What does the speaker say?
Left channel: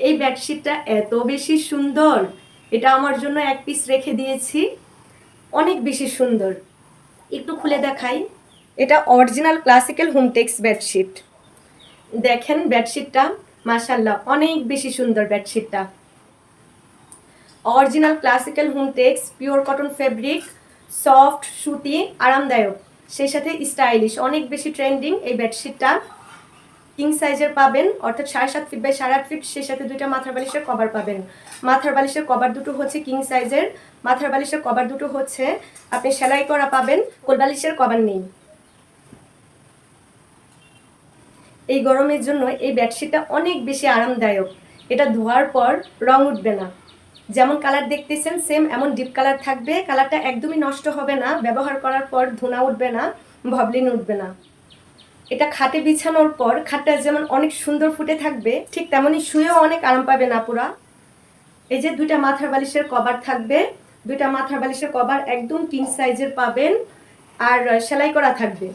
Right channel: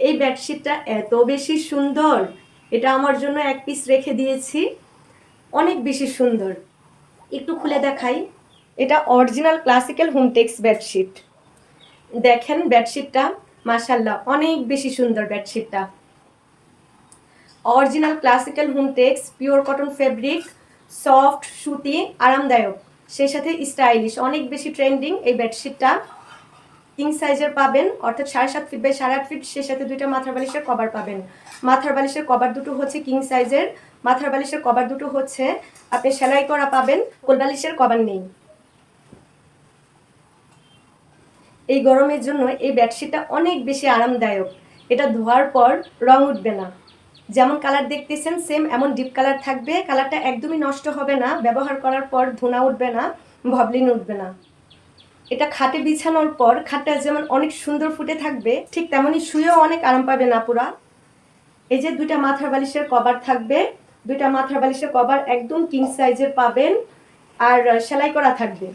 এই বেডশিটটা এত বেশি সুন্দর, এটা আমার জন্য এক পিস রেখে দিয়েছি। অনেক বেশি সুন্দর, একটু খুলে দেখাই। এটা অরিজিনাল ক্লাসিক্যাল হোমটেক্স বেডশিট। দেখেন বেডশিটটা, মাশাআল্লাহ অনেক বেশি সুন্দর বেডশিটটা। Original classical Hometex, pure cotton fabric, soft সুতি, আরামদায়ক, সেই সাথে স্টাইলিশ, অনেক বেশি ট্রেন্ডিং এই বেডশিটটা। কিং সাইজের পাবেন, অর্থাৎ 7.5 ফিট বাই 8.5 ফিট, সেই সাথে দুইটা মাথার বালিশের কভার পাবেন। মাথার বালিশের কভার দুটো হচ্ছে কিং সাইজের, মাথার বালিশের কভার দুটো হচ্ছে আপনি সেলাই করা পাবেন, কোল বালিশের কভার নেই। এই গরমের জন্য এই বেডশিটটা অনেক বেশি আরামদায়ক। এটা ধোয়ার পর রং উঠবে না, যেমন কালার দেখতেছেন সেম এমন ডিপ কালার থাকবে। কালারটা একদমই নষ্ট হবে না, ব্যবহার করার পর ধুনা উঠবে না, ভবলিন উঠবে না। এটা খাটে বিছানোর পর খাটটা যেমন অনেক সুন্দর ফুটে থাকবে, ঠিক তেমনই শুয়েও অনেক আরাম পাবেন আপুরা। এই যে দুইটা মাথার বালিশের কভার থাকবে, দুইটা মাথার বালিশের কভার একদম কিং সাইজের পাবেন, আর সেলাই করা থাকবে।